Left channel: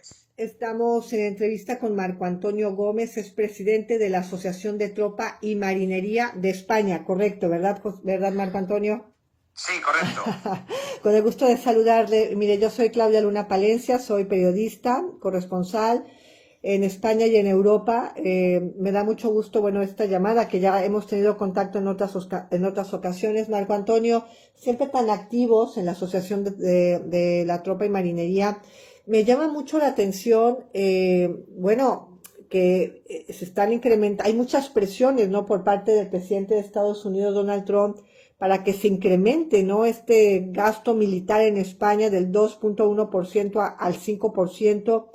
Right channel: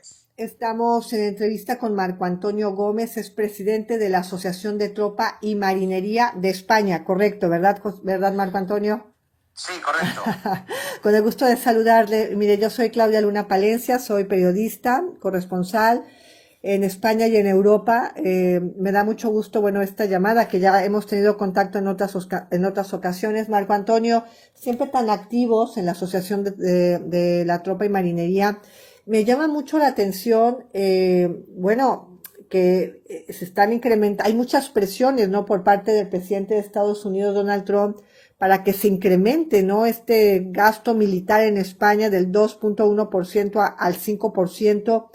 es. Estamos en entrevista con Marco Antonio Gómez, es presidente de la Asociación de Tropa y Marinería de España, correcto, ¿verdad, verdad Marco Antonio? Sí, correcto. Con el gusto de saludarle. Mire, yo soy Claudia Luna Palencia, soy periodista, corresponsal en España y en Europa. Me da mucho gusto, bueno, esta llamada, que ya hemos tenido contacto en otras ocasiones. Marco Antonio, siempre tan activos en la Asociación de la Tropa y Marinería. Me llama mucho la atención, bueno, que se están incrementando, hay muchas presiones, ¿no?, por parte del presidente de Estados Unidos, Donald Trump, para que se incremente, ¿no?, este gasto militar en España del 2.1% al 5%.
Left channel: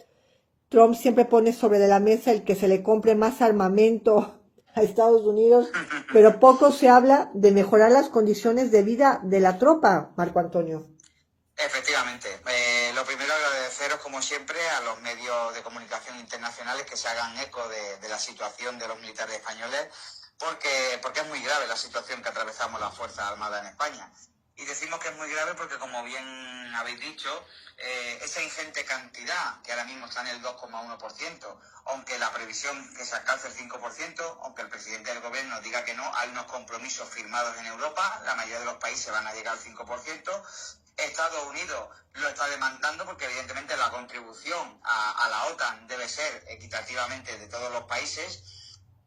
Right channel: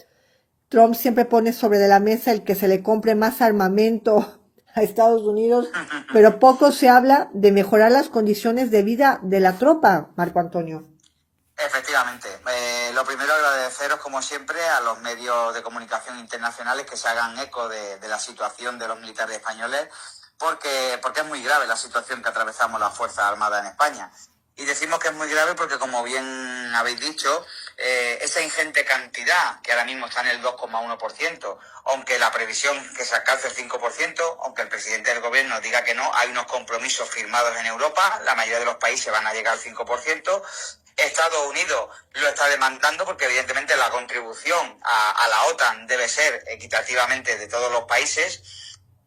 Trump siempre pone sobre de la mesa el que se le compre más armamento a Estados Unidos, pero poco se habla de mejorar las condiciones de vida de la tropa, Marco Antonio. Efectivamente. Lo primero, agradeceros, como siempre, a los medios de comunicación internacionales que se hagan eco de la situación de los militares españoles, porque es muy grave la situación que atravesamos las Fuerzas Armadas en España. Y decimos que es muy grave porque, como bien habéis dicho, esa ingente cantidad, que ahora mismo está en el 2,1%, aunque la previsión que se alcance el 5%, aunque el presidente del gobierno diga que no, hay unos compromisos firmados en Europa, la mayoría de los países van a llegar al 5%. Estados Unidos lo está demandando porque evidentemente la contribución a la OTAN debe ser equitativamente de todos los países.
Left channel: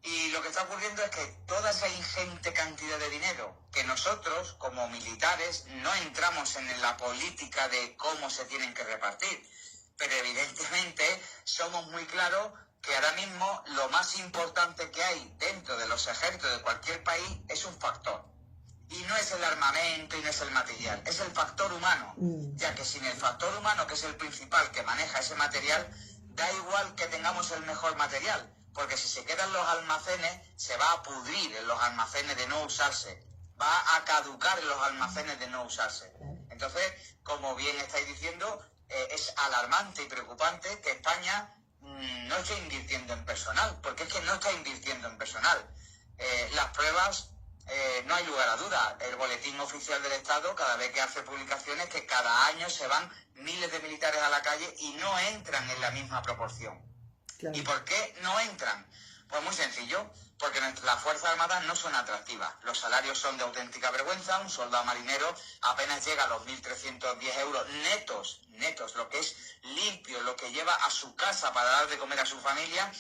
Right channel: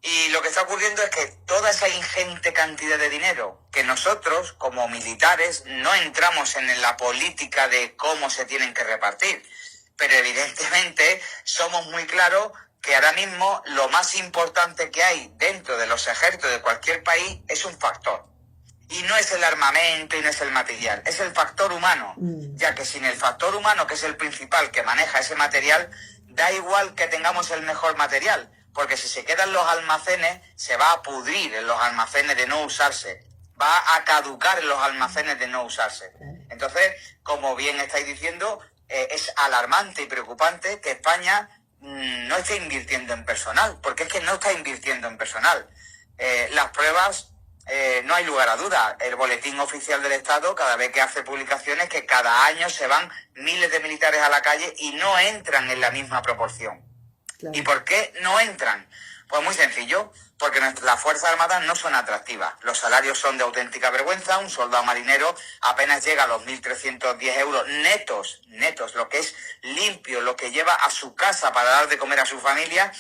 Y lo que está ocurriendo es que toda esa ingente cantidad de dinero que nosotros, como militares, no entramos en la política de cómo se tienen que repartir. Pero evidentemente somos muy claros que ahora mismo lo más importante que hay dentro de los ejércitos de cualquier país es un factor. Y no es el armamento y no es el material, es el factor humano. Ya que sin el factor humano, que es el principal que maneja ese material, da igual que tengamos el mejor material. Porque si se quedan los almacenes, se va a pudrir en los almacenes de no usarse. Va a caducar en los almacenes de no usarse. Entonces, como bien estáis diciendo, es alarmante y preocupante que España no esté invirtiendo en personal. Porque es que no está invirtiendo en personal. Las pruebas, no hay lugar a duda. El Boletín Oficial del Estado cada vez que hace publicaciones que cada año se van miles de militares a la calle y no entran en la misma proporción. Claro. ¿Y por qué no entran? Pues muy sencillo, porque las Fuerzas Armadas no son atractivas. Los salarios son de auténtica vergüenza. Un soldado marinero apenas llega a los 1.310 euros netos, lo que es limpio, lo que lleva a su casa para dar de comer a su familia.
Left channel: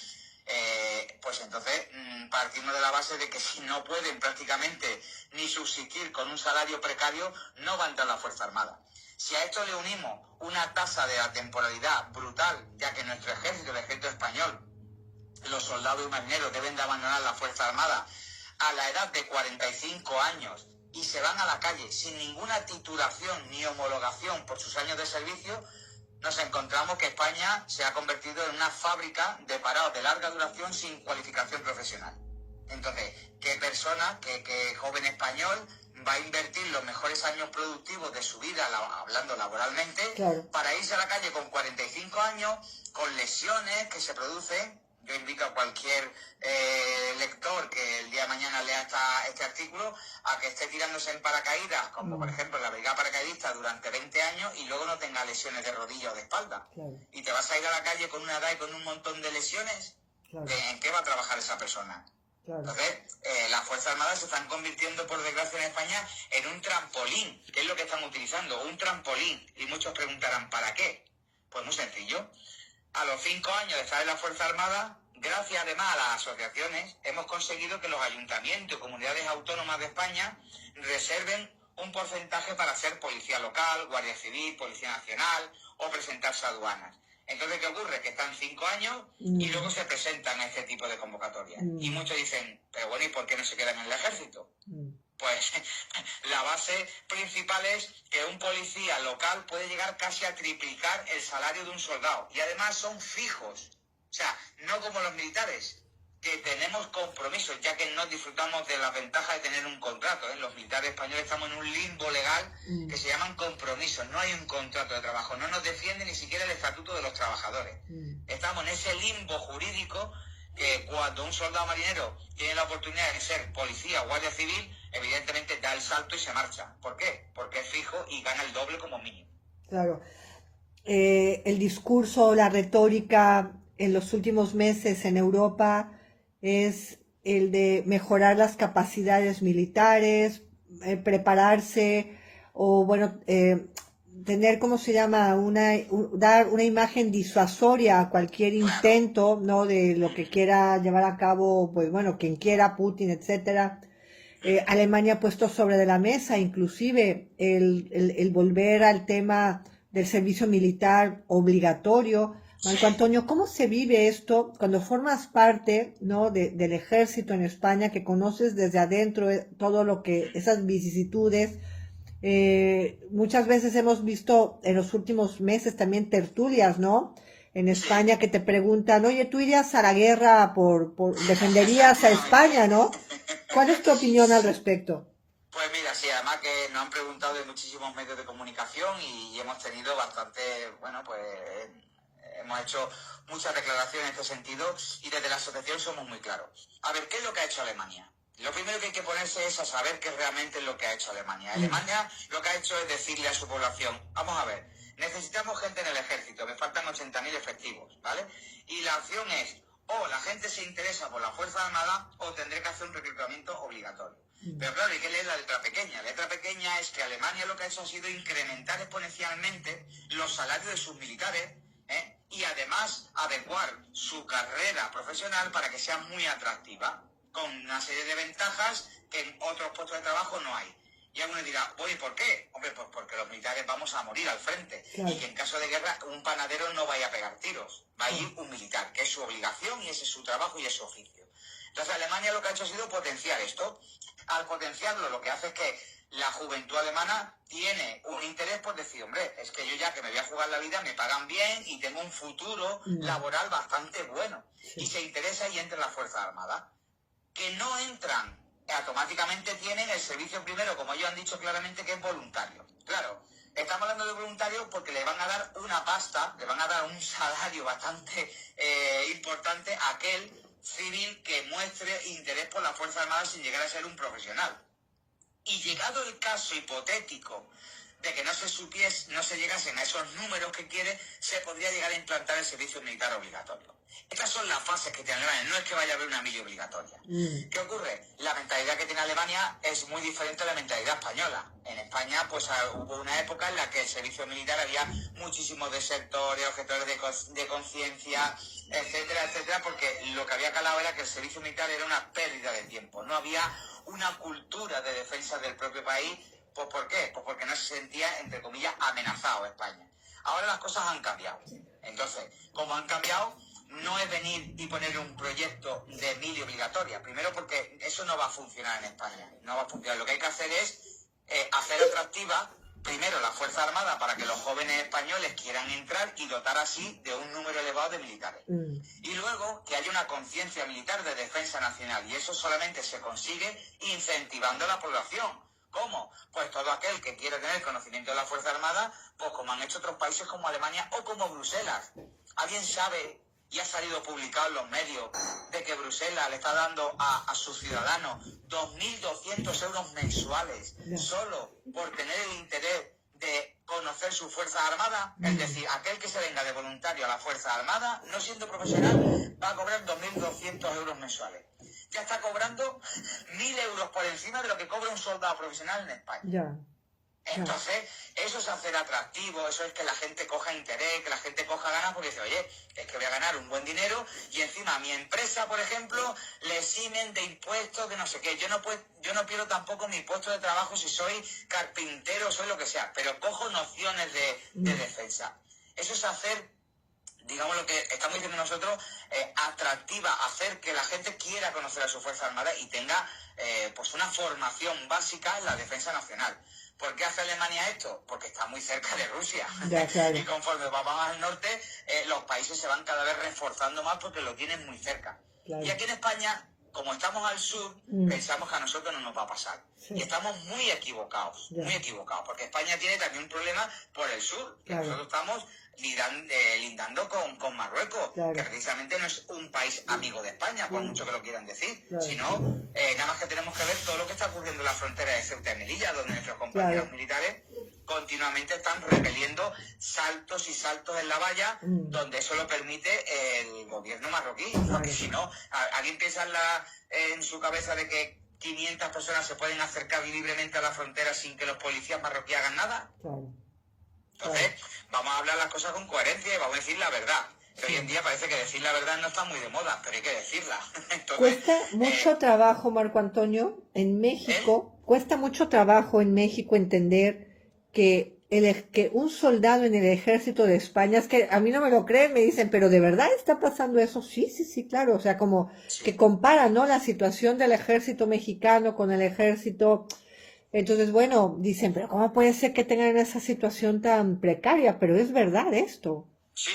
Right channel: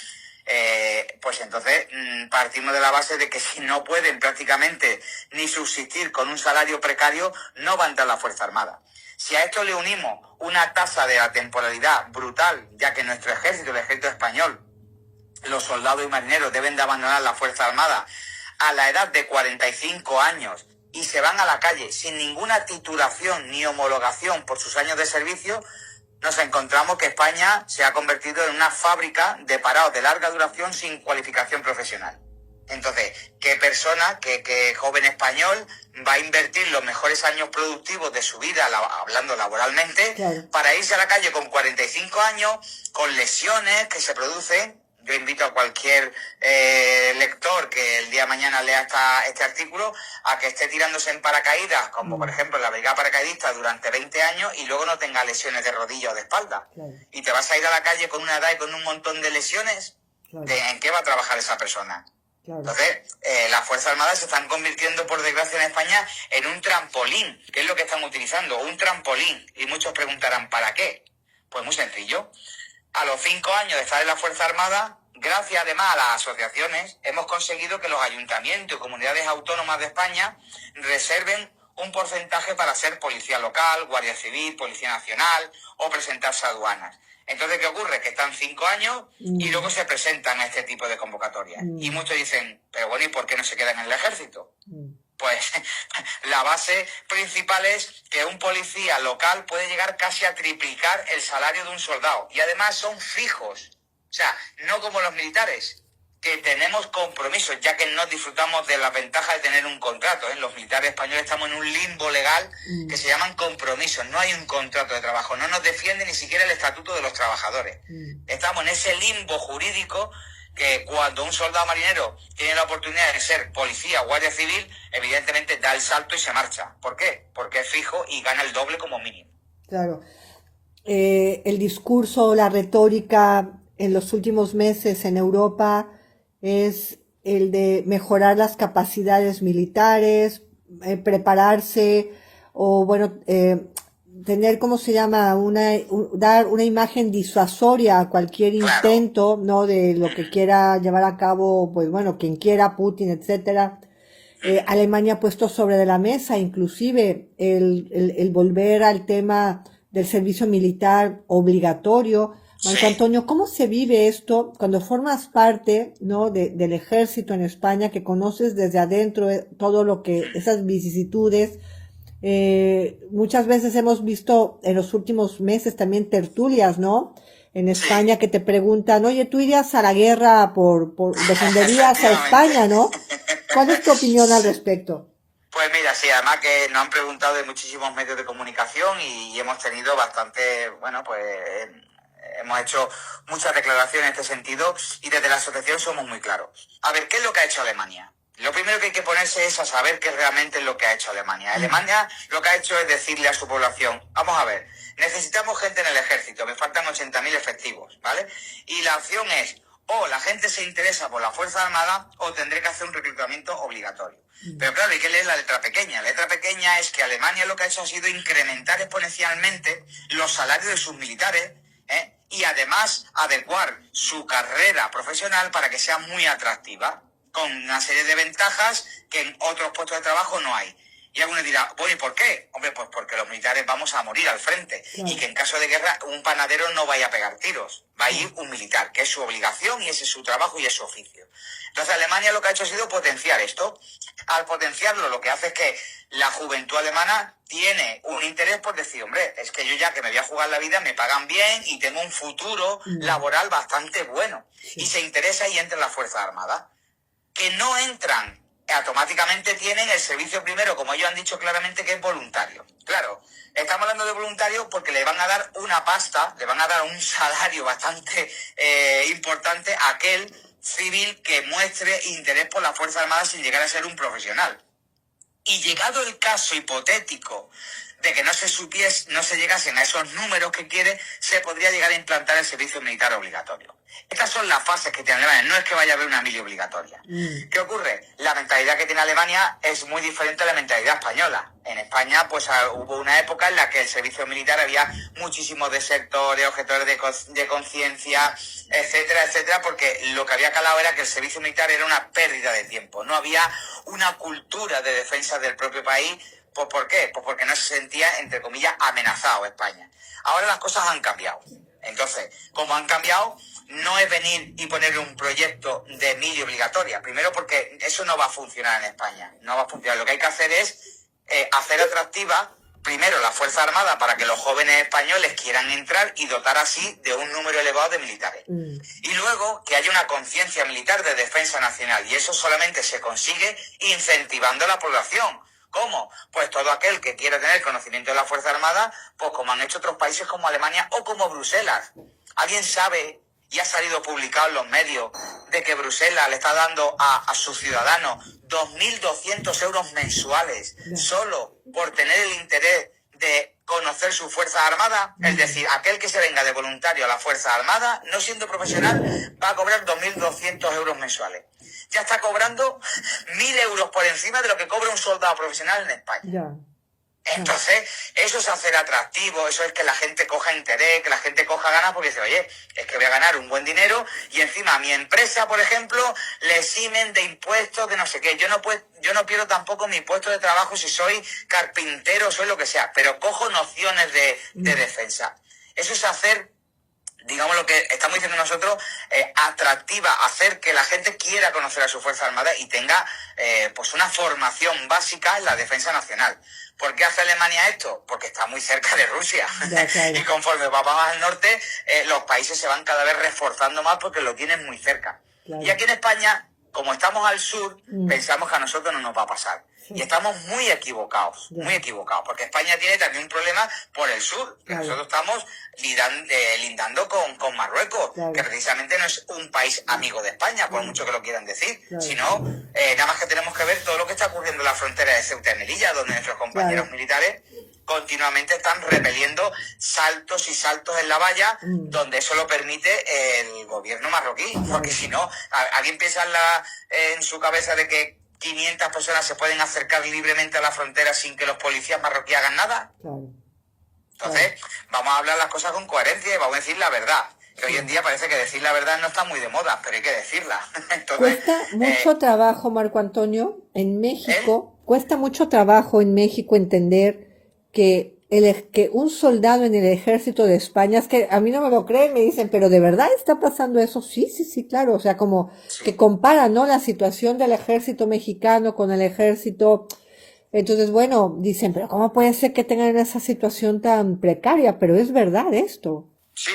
Pues entonces partimos de la base de que si no pueden prácticamente ni subsistir con un salario precario, no van a entrar a la Fuerza Armada. Si a esto le unimos una tasa de la temporalidad brutal, ya que nuestro ejército, el ejército español, los soldados y marineros deben de abandonar la Fuerza Armada a la edad de 45 años y se van a la calle sin ninguna titulación ni homologación por sus años de servicio, nos encontramos que España se ha convertido en una fábrica de parados de larga duración sin cualificación profesional. Entonces, ¿qué persona, qué joven español va a invertir los mejores años productivos de su vida, hablando laboralmente, claro, para irse a la calle con 45 años, con lesiones que se producen? Yo invito a cualquier lector que el día de mañana lea este artículo a que esté tirándose en paracaídas, como por ejemplo la brigada paracaidista, durante 20 años y luego no tenga lesiones de rodilla o de espalda. Claro. Y te vas a ir a la calle con una edad y con un montón de lesiones. Claro. ¿En qué va a trabajar esa persona? Claro. Entonces, las Fuerzas Armadas se están convirtiendo, por desgracia, en España en un trampolín. ¿Qué es lo que están utilizando? Un trampolín. Y muchos preguntarán, ¿para qué? Pues muy sencillo. A los 5 años de estar en la Fuerza Armada, gracias además a las asociaciones, hemos conseguido que los ayuntamientos y comunidades autónomas de España reserven un porcentaje para ser policía local, guardia civil, policía nacional o presentarse a aduanas. Entonces, ¿qué ocurre? Que están 5 años y luego se presentan a este tipo de convocatorias. Y muchos dicen, pero bueno, ¿y por qué no se quedan en el ejército? Pues la base principal es que un policía local puede llegar casi a triplicar el salario de un soldado. Y además son fijos. O sea, no como los militares, que tenemos compromisos, ya que no disfrutamos de la ventaja de tener un contrato. Los militares españoles estamos en un limbo legal que se llaman compromisos. No hay un contrato de trabajo. No nos defiende ni siquiera el estatuto de los trabajadores. Estamos en ese limbo jurídico que cuando un soldado marinero tiene la oportunidad de ser policía o guardia civil, evidentemente da el salto y se marcha. ¿Por qué? Porque es fijo y gana el doble como mínimo. Claro. el discurso, la retórica en los últimos meses en Europa es el de mejorar las capacidades militares, prepararse o, bueno, tener, ¿cómo se llama? Dar una imagen disuasoria a cualquier Claro. intento, ¿no? De lo que quiera llevar a cabo, pues bueno, quien quiera, Putin, etcétera. Alemania ha puesto sobre de la mesa inclusive el volver al tema del servicio militar obligatorio. Marco Sí. Antonio, ¿cómo se vive esto cuando formas parte, ¿no? del ejército en España, que conoces desde adentro todo lo que, esas vicisitudes? Muchas veces hemos visto en los últimos meses también tertulias, ¿no? En Sí. España que te preguntan, oye, ¿tú irías a la guerra defenderías a Efectivamente. España, ¿no? ¿Cuál es tu opinión al respecto? Pues mira, sí, además que nos han preguntado de muchísimos medios de comunicación y hemos tenido bastante, bueno, pues hemos hecho muchas declaraciones en este sentido y desde la asociación somos muy claros. A ver, ¿qué es lo que ha hecho Alemania? Lo primero que hay que ponerse es a saber qué realmente es lo que ha hecho Alemania. Alemania lo que ha hecho es decirle a su población, vamos a ver, necesitamos gente en el ejército, me faltan 80.000 efectivos, ¿vale? Y la opción es, o la gente se interesa por la Fuerza Armada o tendré que hacer un reclutamiento obligatorio. Pero claro, hay que leer la letra pequeña. La letra pequeña es que Alemania lo que ha hecho ha sido incrementar exponencialmente los salarios de sus militares, y además adecuar su carrera profesional para que sea muy atractiva, con una serie de ventajas que en otros puestos de trabajo no hay. Y algunos dirán, bueno, ¿y por qué? Hombre, pues porque los militares vamos a morir al frente. Claro. Y que en caso de guerra un panadero no vaya a pegar tiros. Va a ir un militar, que es su obligación y ese es su trabajo y es su oficio. Entonces Alemania lo que ha hecho ha sido potenciar esto. Al potenciarlo, lo que hace es que la juventud alemana tiene un interés por decir, hombre, es que yo ya que me voy a jugar la vida, me pagan bien y tengo un futuro laboral bastante bueno. Sí. Y se interesa y entra en la Fuerza Armada. Que no entran, automáticamente tienen el servicio primero, como ellos han dicho claramente, que es voluntario. Claro, estamos hablando de voluntario porque le van a dar una pasta, le van a dar un salario bastante importante a aquel civil que muestre interés por la Fuerza Armada sin llegar a ser un profesional. Y llegado el caso hipotético de que no se llegasen a esos números que quiere, se podría llegar a implantar el servicio militar obligatorio. Estas son las fases que tiene Alemania, no es que vaya a haber una mili obligatoria. ¿Qué ocurre? La mentalidad que tiene Alemania es muy diferente a la mentalidad española. En España, pues hubo una época en la que el servicio militar había muchísimos desertores, objetores de conciencia, etcétera, etcétera, porque lo que había calado era que el servicio militar era una pérdida de tiempo. No había una cultura de defensa del propio país. Pues ¿por qué? Pues porque no se sentía, entre comillas, amenazado España. Ahora las cosas han cambiado. Entonces, como han cambiado, no es venir y poner un proyecto de mili obligatoria. Primero porque eso no va a funcionar en España. No va a funcionar. Lo que hay que hacer es hacer atractiva, primero, la Fuerza Armada para que los jóvenes españoles quieran entrar y dotar así de un número elevado de militares. Y luego que haya una conciencia militar de defensa nacional. Y eso solamente se consigue incentivando a la población. ¿Cómo? Pues todo aquel que quiera tener conocimiento de la Fuerza Armada, pues como han hecho otros países como Alemania o como Bruselas. ¿Alguien sabe, y ha salido publicado en los medios, de que Bruselas le está dando a sus ciudadanos 2.200 euros mensuales solo por tener el interés de conocer su Fuerza Armada? Es decir, aquel que se venga de voluntario a la Fuerza Armada, no siendo profesional, va a cobrar 2.200 euros mensuales. Ya está cobrando 1.000 euros por encima de lo que cobra un soldado profesional en España. Ya. Entonces, eso es hacer atractivo, eso es que la gente coja interés, que la gente coja ganas, porque dice, oye, es que voy a ganar un buen dinero y encima a mi empresa, por ejemplo, le eximen de impuestos, de no sé qué. Yo no pierdo tampoco mi puesto de trabajo si soy carpintero, soy lo que sea, pero cojo nociones de defensa. Eso es hacer, digamos, lo que estamos diciendo nosotros, atractiva, hacer que la gente quiera conocer a su Fuerza Armada y tenga pues una formación básica en la defensa nacional. ¿Por qué hace Alemania esto? Porque está muy cerca de Rusia. Ya, claro. Y conforme va más al norte, los países se van cada vez reforzando más porque lo tienen muy cerca. Claro. Y aquí en España, como estamos al sur, pensamos que a nosotros no nos va a pasar. Sí. Y estamos muy equivocados, porque España tiene también un problema por el sur. Que nosotros estamos lindando con Marruecos, que precisamente no es un país amigo de España, por mucho que lo quieran decir, sino nada más que tenemos que ver todo lo que está ocurriendo en la frontera de Ceuta y Melilla, donde nuestros compañeros militares continuamente están repeliendo saltos y saltos en la valla, donde eso lo permite el gobierno marroquí, porque si no, ¿alguien piensa en su cabeza de que 500 personas se pueden acercar libremente a la frontera sin que los policías marroquíes hagan nada? Entonces, vamos a hablar las cosas con coherencia y vamos a decir la verdad. Que hoy en día parece que decir la verdad no está muy de moda, pero hay que decirla. Entonces, cuesta mucho trabajo, Marco Antonio, en México, cuesta mucho trabajo en México entender que que un soldado en el ejército de España, es que a mí no me lo creen, me dicen, pero ¿de verdad está pasando eso? Sí, sí, sí, claro, o sea, como que compara, ¿no? La situación del ejército mexicano con el ejército. Entonces, bueno, dicen, pero ¿cómo puede ser que tengan esa situación tan precaria? Pero es verdad esto. Sí.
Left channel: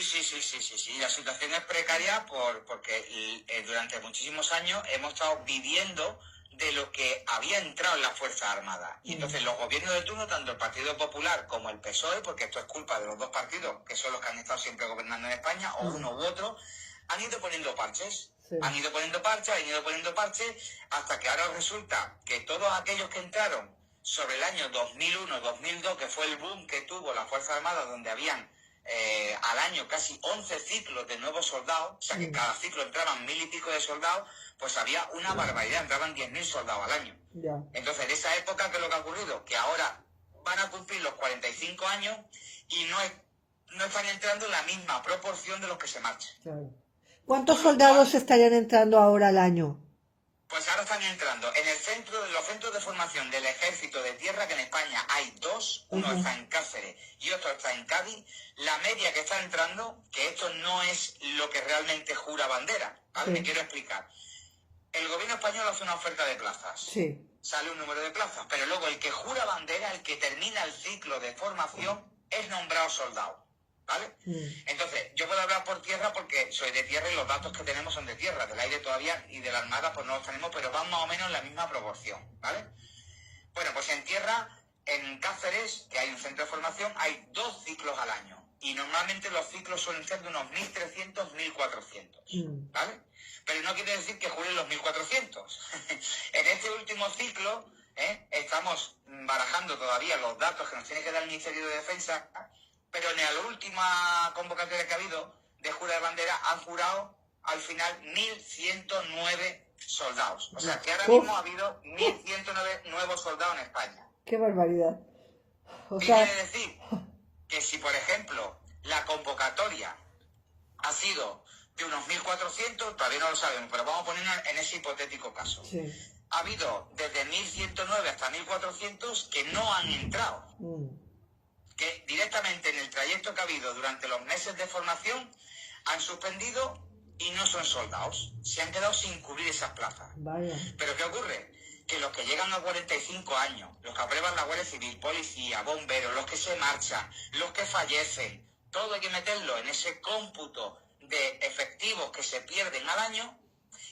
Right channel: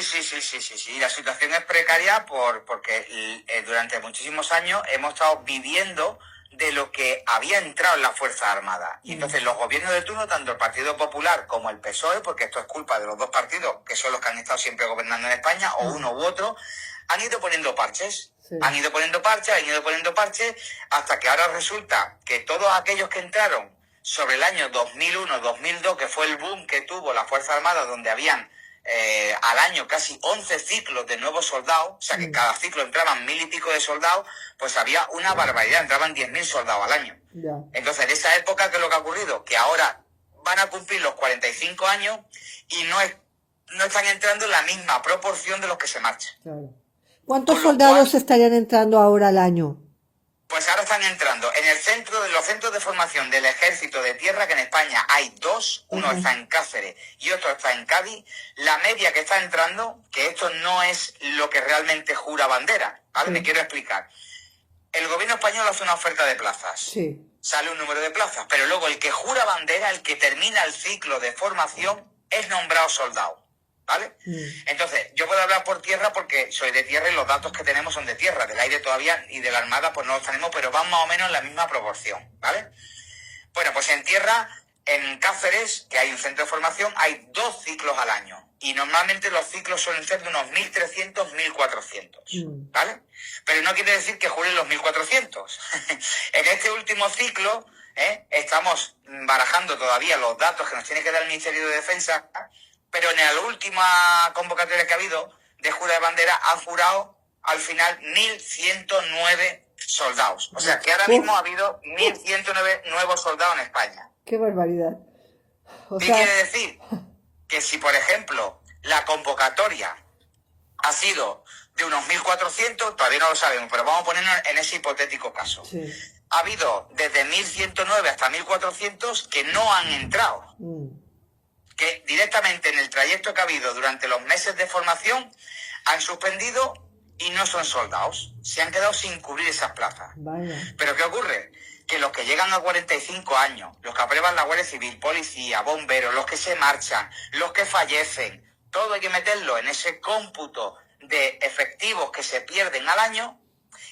La situación es precaria porque durante muchísimos años hemos estado viviendo de lo que había entrado en las Fuerzas Armadas. Y entonces los gobiernos de turno, tanto el Partido Popular como el PSOE, porque esto es culpa de los dos partidos, que son los que han estado siempre gobernando en España, o uno u otro, han ido poniendo parches. Han ido poniendo parches, hasta que ahora resulta que todos aquellos que entraron sobre el año 2001-2002, que fue el boom que tuvo la Fuerza Armada, donde habían al año casi 11 ciclos de nuevos soldados, o sea que cada ciclo entraban 1000 y pico de soldados, pues había una barbaridad, entraban 10.000 soldados al año. Entonces, en esa época, ¿qué es lo que ha ocurrido? Que ahora van a cumplir los 45 años y no están entrando en la misma proporción de los que se marchan. ¿Cuántos soldados estarían entrando ahora al año? Pues ahora están entrando en los centros de formación del Ejército de Tierra, que en España hay dos, uno está en Cáceres y otro está en Cádiz. La media que está entrando, que esto no es lo que realmente jura bandera, ¿vale? Me quiero explicar. El gobierno español hace una oferta de plazas, sale un número de plazas, pero luego el que jura bandera, el que termina el ciclo de formación, es nombrado soldado. ¿Vale? Entonces, yo puedo hablar por tierra porque soy de tierra y los datos que tenemos son de tierra. Del aire todavía y de la armada pues no los tenemos, pero van más o menos en la misma proporción, ¿vale? Bueno, pues en tierra, en Cáceres, que hay un centro de formación, hay 2 ciclos al año. Y normalmente los ciclos suelen ser de unos 1.300, 1.400, ¿vale? Pero no quiere decir que juren los 1.400. En este último ciclo, estamos barajando todavía los datos que nos tiene que dar el Ministerio de Defensa, pero en la última convocatoria que ha habido de jura de bandera han jurado al final 1.109 soldados. O sea que ahora mismo ha habido 1.109 nuevos soldados en España. ¡Qué barbaridad! ¿Qué quiere decir? Que si, por ejemplo, la convocatoria ha sido de unos 1.400, todavía no lo sabemos, pero vamos a ponernos en ese hipotético caso. Ha habido desde 1.109 hasta 1.400 que no han entrado. Que directamente en el trayecto que ha habido durante los meses de formación han suspendido y no son soldados. Se han quedado sin cubrir esas plazas. Pero ¿qué ocurre? Que los que llegan a 45 años, los que aprueban la Guardia Civil, policía, bomberos, los que se marchan, los que fallecen, todo hay que meterlo en ese cómputo de efectivos que se pierden al año,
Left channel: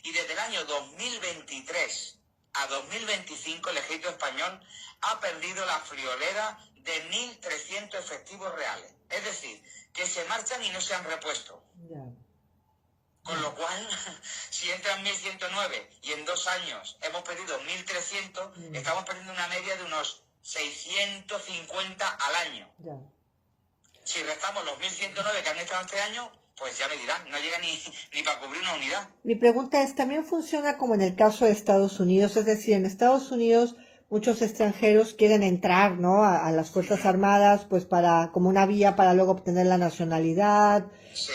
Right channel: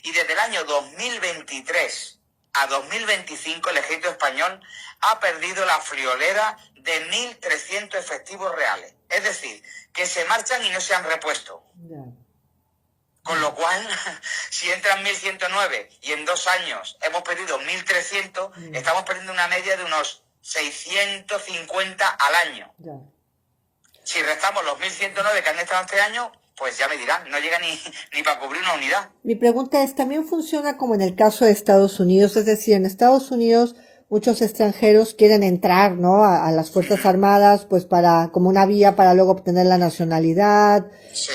y desde el año 2023 a 2025 el ejército español ha perdido la friolera de 1.300 efectivos reales. Es decir, que se marchan y no se han repuesto. Con lo cual, si entran 1.109 y en 2 años hemos perdido 1.300, estamos perdiendo una media de unos 650 al año. Si restamos los 1.109 que han estado este año, pues ya me dirán, no llega ni para cubrir una unidad. Mi pregunta es, ¿también funciona como en el caso de Estados Unidos? Es decir, en Estados Unidos muchos extranjeros quieren entrar, ¿no?, a las Fuerzas Armadas, pues como una vía para luego obtener la nacionalidad,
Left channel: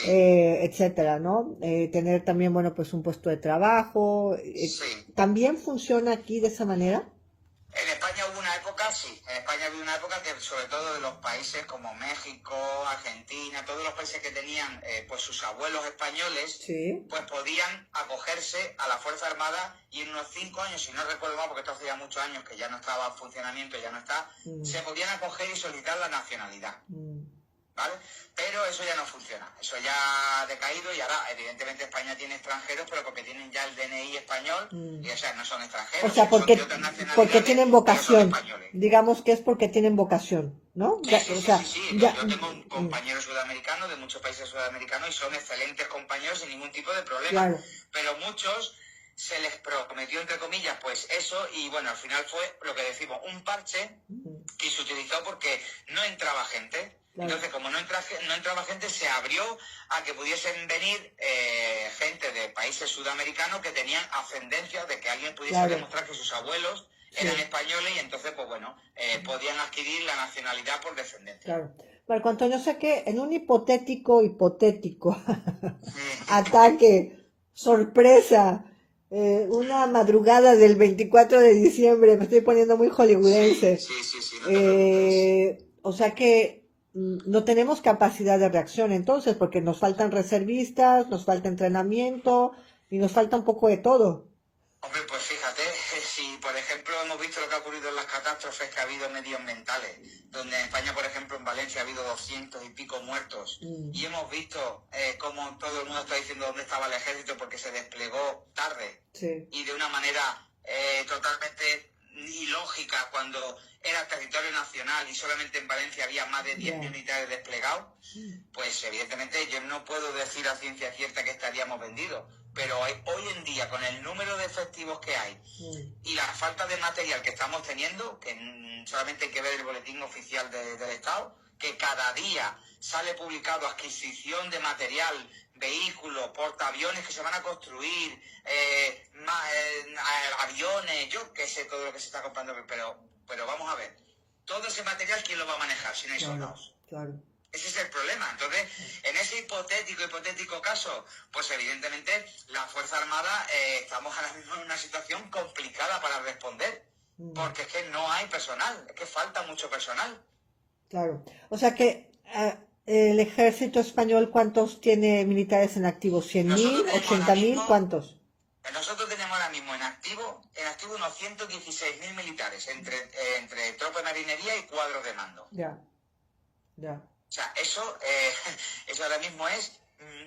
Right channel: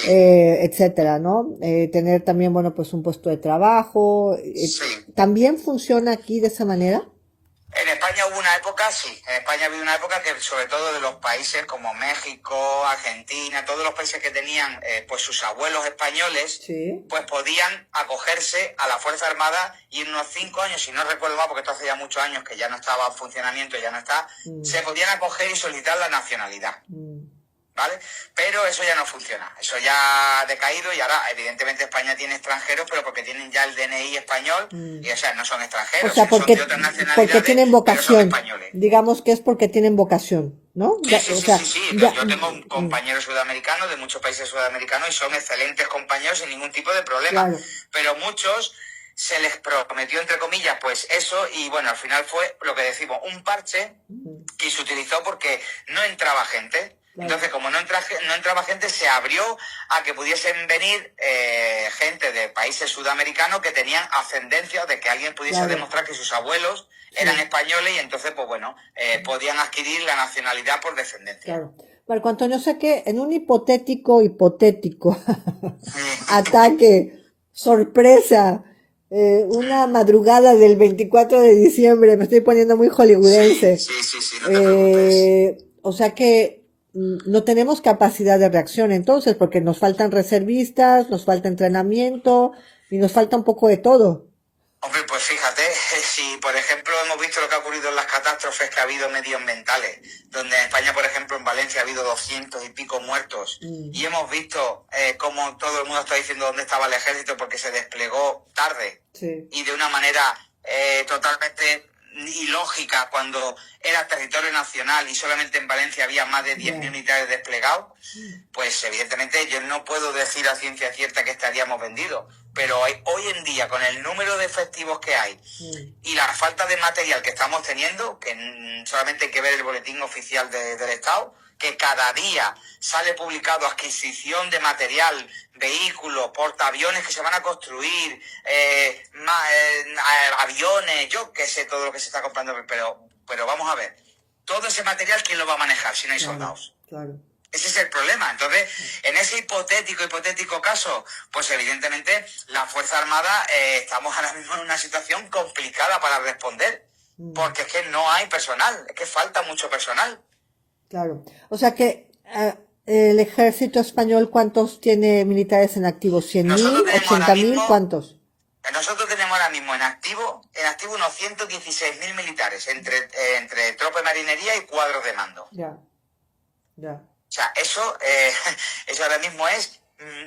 etcétera, ¿no? Tener también, bueno, pues un puesto de trabajo. ¿También funciona aquí de esa manera? En España hubo una época, sí. En España había una época que, sobre todo de los países como México, Argentina, todos los países que tenían pues sus abuelos españoles, pues podían acogerse a la Fuerza Armada y en unos 5 años, si no recuerdo mal, porque esto hace ya muchos años que ya no estaba en funcionamiento, ya no está, se podían acoger y solicitar la nacionalidad. ¿Vale? Pero eso ya no funciona, eso ya ha decaído y ahora evidentemente España tiene extranjeros, pero porque tienen ya el DNI español y o sea, no son extranjeros, o sea, son de otras nacionalidades, porque tienen vocación, pero son españoles. Digamos que es porque tienen vocación, ¿no? Sí. Yo tengo un compañero sudamericano de muchos países sudamericanos y son excelentes compañeros sin ningún tipo de problema, pero muchos se les prometió, entre comillas, pues eso, y bueno, al final fue lo que decimos, un parche y se utilizó porque no entraba gente. Claro. Entonces, como no entraba gente, se abrió a que pudiesen venir gente de países sudamericanos que tenían ascendencia, de que alguien pudiese Claro. demostrar que sus abuelos eran españoles y entonces, pues bueno, podían adquirir la nacionalidad por descendencia. Claro. Marco Antonio, sé que en un hipotético ataque, sorpresa, una madrugada del 24 de diciembre, me estoy poniendo muy hollywoodense. Sí, no te preocupes. O sea que no tenemos capacidad de reacción entonces, porque nos faltan reservistas, nos falta entrenamiento y nos falta un poco de todo. Hombre, pues fíjate, si por ejemplo hemos visto lo que ha ocurrido en las catástrofes que ha habido medioambientales, donde en España, por ejemplo, en Valencia ha habido 200 y pico muertos, y hemos visto cómo todo el mundo está diciendo dónde estaba el ejército porque se desplegó tarde y de una manera totalmente ilógica cuando era territorio nacional y solamente en Valencia había más de 10.000 militares desplegados, pues evidentemente yo no puedo decir a ciencia cierta que estaríamos vendidos. Pero hoy en día, con el número de efectivos que hay y la falta de material que estamos teniendo, que solamente hay que ver el boletín oficial del Estado, que cada día sale publicado adquisición de material, vehículos, portaaviones que se van a construir, aviones, yo qué sé, todo lo que se está comprando, pero vamos a ver, todo ese material, ¿quién lo va a manejar si no hay soldados? Claro. Ese es el problema. Entonces, en ese hipotético caso, pues evidentemente la Fuerza Armada estamos ahora mismo en una situación complicada para responder, porque es que no hay personal, es que falta mucho personal. Claro. O sea que el ejército español, ¿cuántos tiene militares en activo? ¿100.000? ¿80.000? ¿Cuántos? Nosotros tenemos ahora mismo en activo unos 116.000 militares, entre tropa y marinería y cuadros de mando. Ya. O sea, eso ahora mismo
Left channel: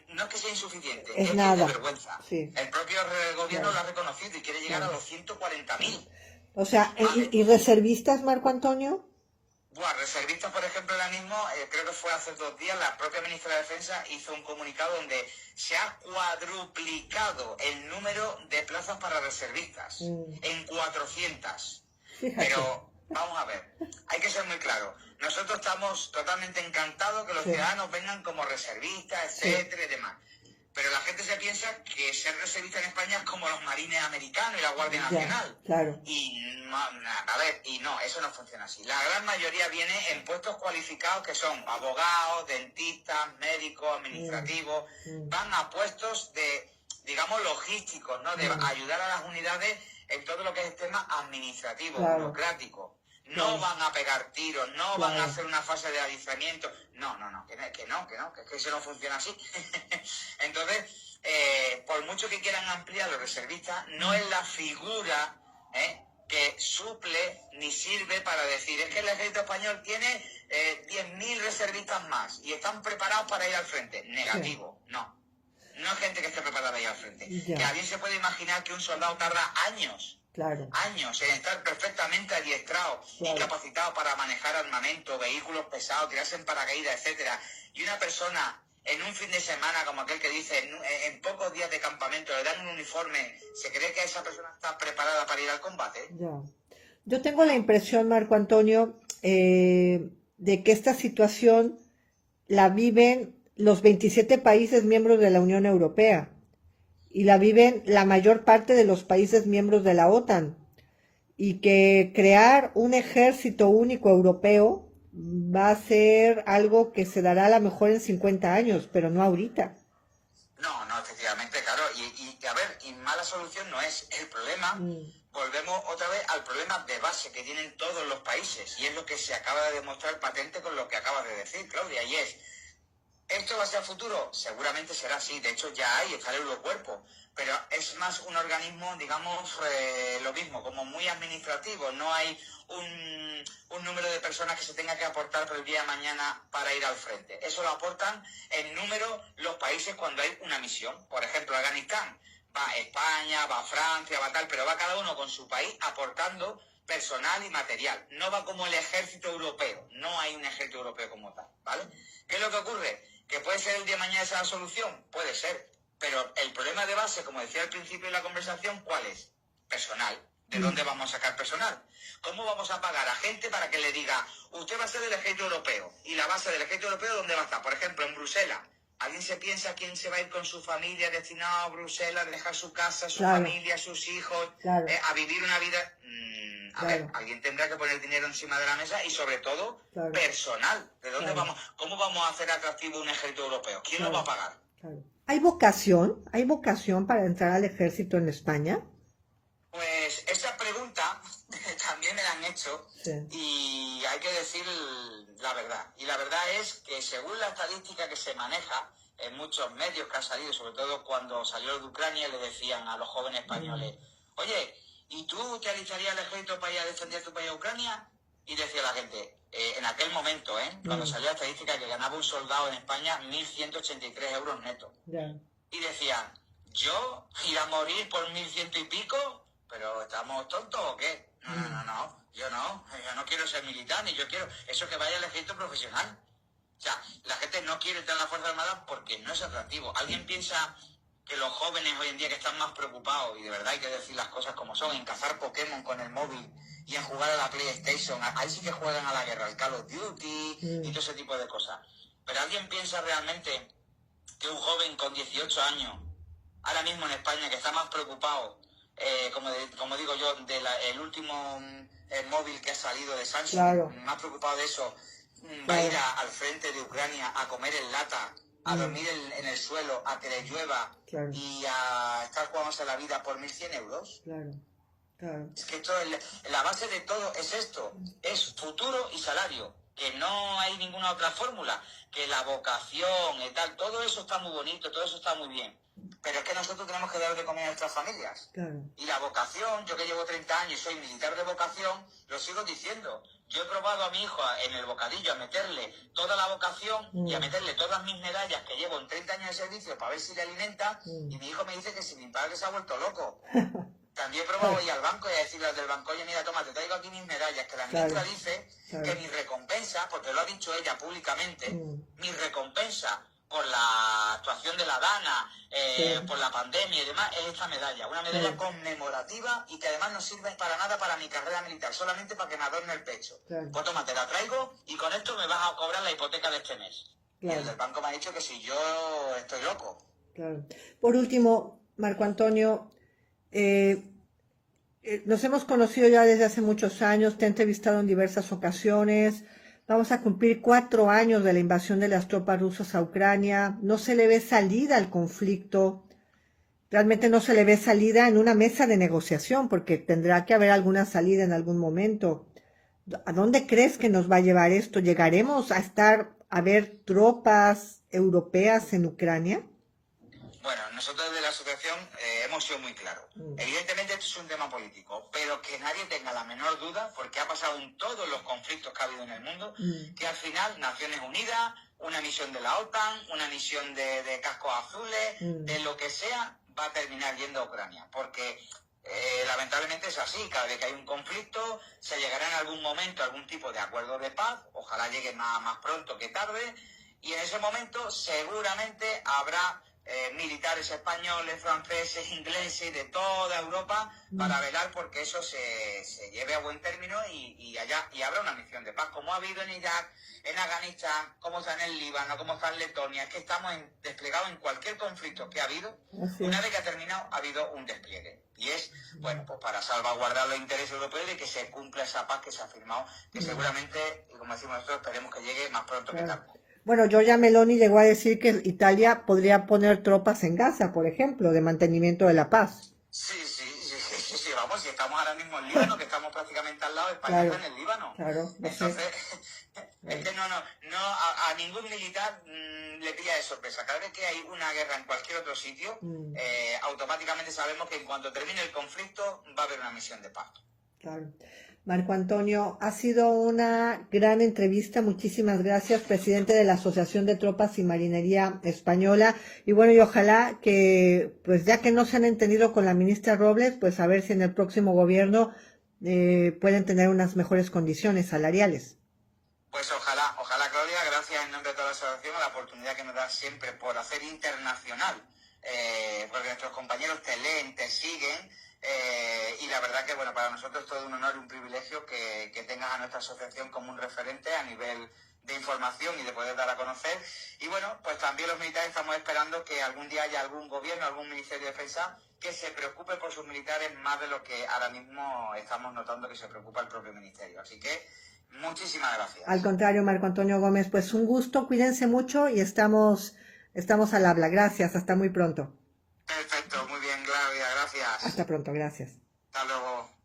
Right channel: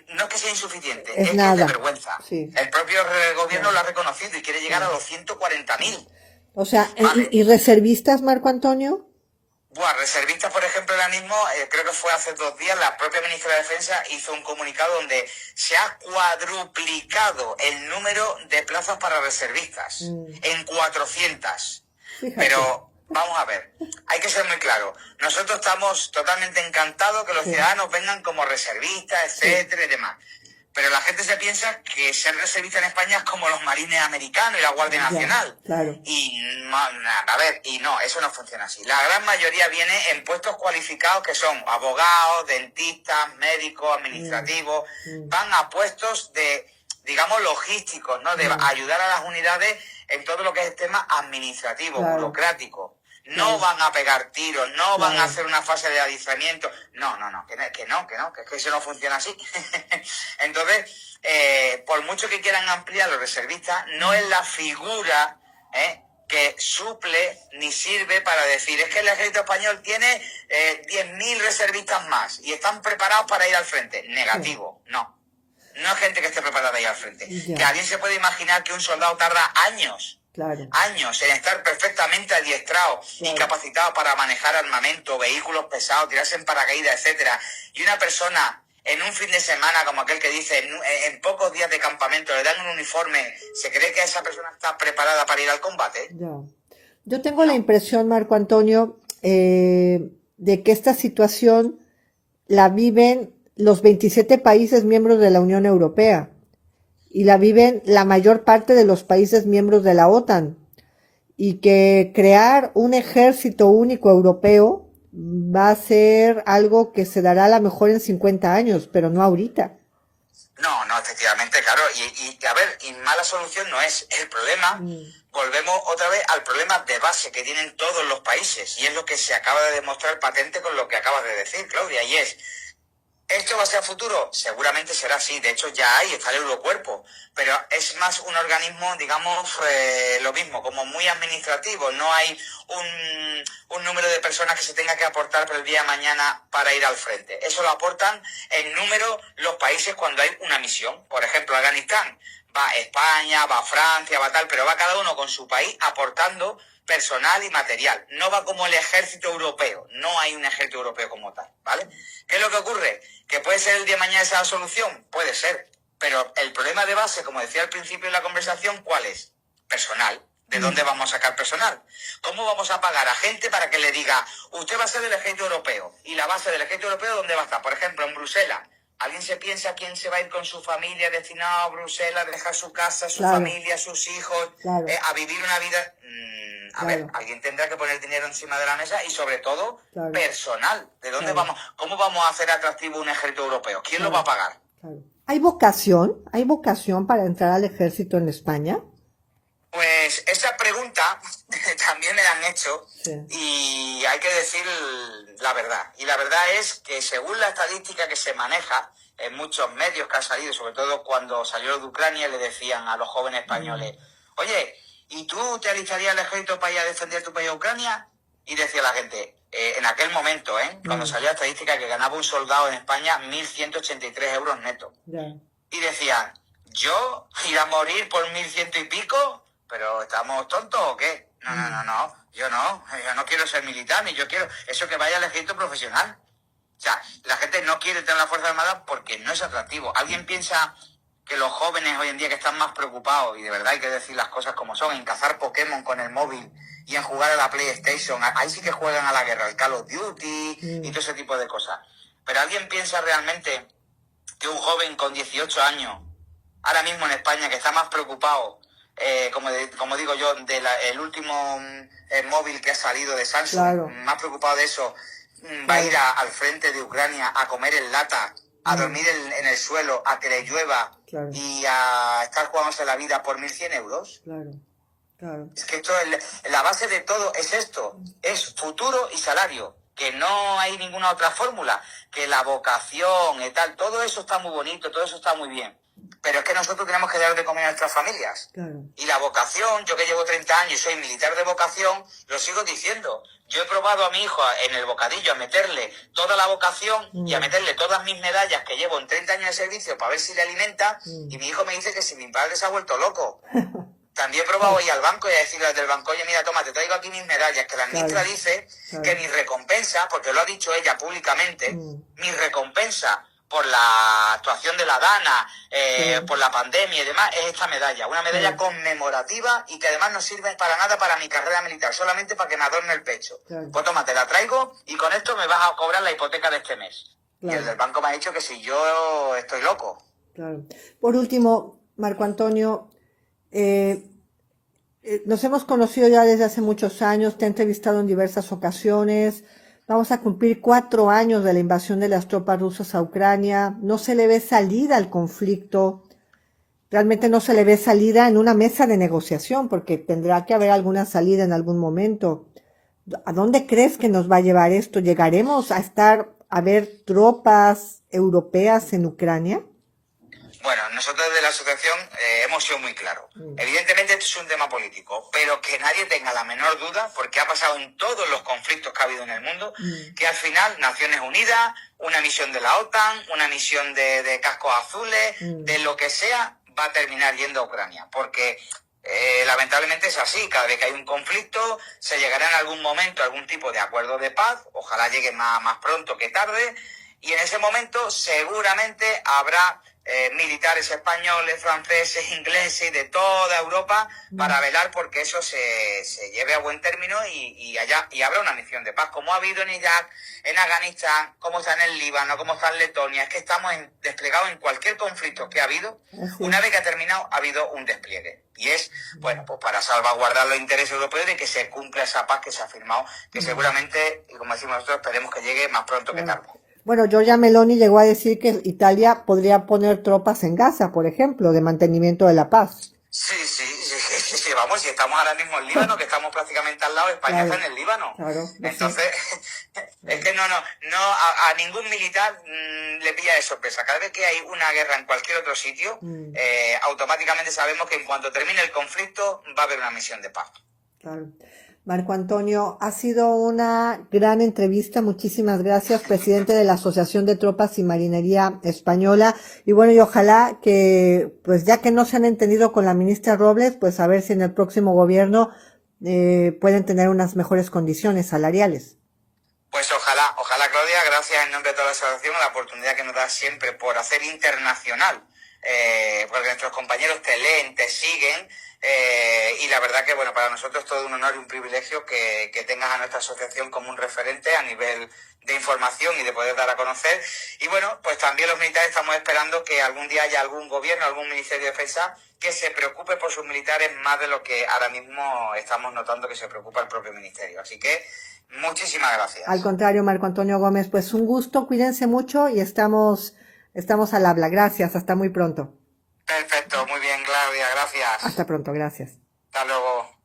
no es que sea insuficiente, es que nada. es de vergüenza. Sí. El propio gobierno lo ha reconocido y quiere llegar a los 140.000. O sea, Vale. ¿y reservistas, Marco Antonio? Reservistas, por ejemplo, ahora mismo, creo que fue hace 2 días, la propia ministra de Defensa hizo un comunicado donde se ha cuadruplicado el número de plazas para reservistas en 400. Fíjate. Pero vamos a ver, hay que ser muy claro. Nosotros estamos totalmente encantados que los ciudadanos vengan como reservistas, etcétera y demás. Pero la gente se piensa que ser reservista en España es como los marines americanos y la Guardia Nacional. Claro. Y no, eso no funciona así. La gran mayoría viene en puestos cualificados que son abogados, dentistas, médicos, administrativos. Van a puestos de, digamos, logísticos, ¿no? De ayudar a las unidades en todo lo que es el tema administrativo, burocrático. No van a pegar tiros, no van a hacer una fase de adiestramiento. No, que es que eso no funciona así. Entonces, por mucho que quieran ampliar los reservistas, no es la figura que suple ni sirve para decir, es que el ejército español tiene 10.000 reservistas más y están preparados para ir al frente. Negativo, no. No es gente que esté preparada para ir al frente. Que alguien se puede imaginar que un soldado tarda años en estar perfectamente adiestrado y capacitado para manejar armamento, vehículos pesados, tirarse en paracaídas, etcétera. Y una persona en un fin de semana, como aquel que dice, en pocos días de campamento le dan un uniforme, ¿se cree que esa persona está preparada para ir al combate? Yo tengo la impresión, Marco Antonio, de que esta situación la viven los 27 países miembros de la Unión Europea. Y la viven la mayor parte de los países miembros de la OTAN, y que crear un ejército único europeo va a ser algo que se dará a lo mejor en 50 años, pero no ahorita. No, efectivamente, claro, y a ver, y mala solución no es el problema. Volvemos otra vez al problema de base que tienen todos los países, y es lo que se acaba de demostrar patente con lo que acabas de decir, Claudia, y es: ¿esto va a ser a futuro? Seguramente será así. De hecho, ya está el Eurocuerpo. Pero es más un organismo, digamos, lo mismo, como muy administrativo. No hay un número de personas que se tenga que aportar por el día de mañana para ir al frente. Eso lo aportan en número los países cuando hay una misión. Por ejemplo, Afganistán. Va España, va Francia, va tal, pero va cada uno con su país aportando personal y material. No va como el ejército europeo. No hay un ejército europeo como tal, ¿vale? ¿Qué es lo que ocurre? ¿Que puede ser el día de mañana esa solución? Puede ser. Pero el problema de base, como decía al principio de la conversación, ¿cuál es? Personal. ¿De dónde vamos a sacar personal? ¿Cómo vamos a pagar a gente para que le diga, usted va a ser del ejército europeo? ¿Y la base del ejército europeo dónde va a estar? Por ejemplo, en Bruselas. ¿Alguien se piensa quién se va a ir con su familia destinado a Bruselas, dejar su casa, su familia, sus hijos, a vivir una vida? A ver, alguien tendrá que poner dinero encima de la mesa y sobre todo personal. ¿De dónde vamos? ¿Cómo vamos a hacer atractivo un ejército europeo? ¿Quién lo va a pagar? ¿Hay vocación? ¿Hay vocación para entrar al ejército en España? Pues esa pregunta también me la han hecho y hay que decir la verdad. Y la verdad es que según la estadística que se maneja en muchos medios que han salido, sobre todo cuando salió de Ucrania, le decían a los jóvenes españoles, oye, ¿y tú te alistarías al ejército para ir a defender tu país a Ucrania? Y decía la gente, en aquel momento, cuando salió la estadística que ganaba un soldado en España 1.183 euros netos. Y decían, ¿yo ir a morir por 1.100 y pico? ¿Pero estamos tontos o qué? No, yo no quiero ser militar, ni yo quiero, eso que vaya al ejército profesional. O sea, la gente no quiere tener la Fuerza Armada porque no es atractivo. ¿Alguien piensa que los jóvenes hoy en día que están más preocupados, y de verdad hay que decir las cosas como son, en cazar Pokémon con el móvil y en jugar a la PlayStation, ahí sí que juegan a la guerra, el Call of Duty y todo ese tipo de cosas? Pero ¿alguien piensa realmente que un joven con 18 años, ahora mismo en España, que está más preocupado, como digo yo, el último móvil que ha salido de Samsung, más preocupado de eso, va a ir al frente de Ucrania a comer en lata, a dormir en el suelo, a que le llueva y a estar jugándose la vida por 1.100 euros? Es que esto la base de todo es esto, es futuro y salario, que no hay ninguna otra fórmula, que la vocación y tal, todo eso está muy bonito, todo eso está muy bien. Pero es que nosotros tenemos que dar de comer a nuestras familias. Y la vocación, yo que llevo 30 años y soy militar de vocación, lo sigo diciendo. Yo he probado a mi hijo en el bocadillo a meterle toda la vocación y a meterle todas mis medallas que llevo en 30 años de servicio para ver si le alimenta, y mi hijo me dice que si mi padre se ha vuelto loco. También he probado ir al banco y a decirle desde el banco, oye, mira, toma, te traigo aquí mis medallas, que la ministra dice que mi recompensa, porque lo ha dicho ella públicamente, mi recompensa por la actuación de la Dana, por la pandemia y demás, es esta medalla. Una medalla conmemorativa y que además no sirve para nada para mi carrera militar, solamente para que me adorne el pecho. Pues toma, te la traigo y con esto me vas a cobrar la hipoteca de este mes. Y el del banco me ha dicho que si yo estoy loco. Por último, Marco Antonio, nos hemos conocido ya desde hace muchos años, te he entrevistado en diversas ocasiones. Vamos a cumplir 4 años de la invasión de las tropas rusas a Ucrania. No se le ve salida al conflicto. Realmente no se le ve salida en una mesa de negociación, porque tendrá que haber alguna salida en algún momento. ¿A dónde crees que nos va a llevar esto? ¿Llegaremos a ver tropas europeas en Ucrania? Bueno, nosotros de la asociación hemos sido muy claros. Evidentemente esto es un tema político, pero que nadie tenga la menor duda, porque ha pasado en todos los conflictos que ha habido en el mundo, que al final Naciones Unidas, una misión de la OTAN, una misión de cascos azules, de lo que sea, va a terminar yendo a Ucrania. Porque lamentablemente es así, cada vez que hay un conflicto se llegará en algún momento a algún tipo de acuerdo de paz, ojalá llegue más pronto que tarde, y en ese momento seguramente habrá militares españoles, franceses, ingleses y de toda Europa para velar porque eso se lleve a buen término y habrá una misión de paz, como ha habido en Irak, en Afganistán, como está en el Líbano, como está en Letonia. Es que estamos desplegados en cualquier conflicto que ha habido. Una vez que ha terminado, ha habido un despliegue. Y es, bueno, pues para salvaguardar los intereses europeos de que se cumpla esa paz que se ha firmado, que seguramente, y como decimos nosotros, esperemos que llegue más pronto que tarde. Bueno, Giorgia Meloni llegó a decir que Italia podría poner tropas en Gaza, por ejemplo, de mantenimiento de la paz. Sí, vamos, si estamos ahora mismo en Líbano, que estamos prácticamente al lado, España está en el Líbano. Entonces, es que no, a ningún militar le pilla de sorpresa. Cada vez que hay una guerra en cualquier otro sitio, automáticamente sabemos que en cuanto termine el conflicto va a haber una misión de paz. Marco Antonio, ha sido una gran entrevista, muchísimas gracias, presidente de la Asociación de Tropas y Marinería Española, y bueno, y ojalá que, pues ya que no se han entendido con la ministra Robles, pues a ver si en el próximo gobierno pueden tener unas mejores condiciones salariales. Pues ojalá Claudia, gracias en nombre de toda la asociación a la oportunidad que nos da siempre por hacer internacional porque nuestros compañeros te leen, te siguen, y la verdad que, bueno, para nosotros es todo un honor y un privilegio que tengas a nuestra asociación como un referente a nivel de información y de poder dar a conocer. Y bueno, pues también los militares estamos esperando que algún día haya algún gobierno, algún Ministerio de Defensa que se preocupe por sus militares más de lo que ahora mismo estamos notando que se preocupa el propio Ministerio. Así que muchísimas gracias. Al contrario, Marco Antonio Gómez, pues un gusto, cuídense mucho y estamos al habla. Gracias, hasta muy pronto. Perfecto, muy bien, Claudia, gracias. Hasta pronto, gracias. Hasta luego.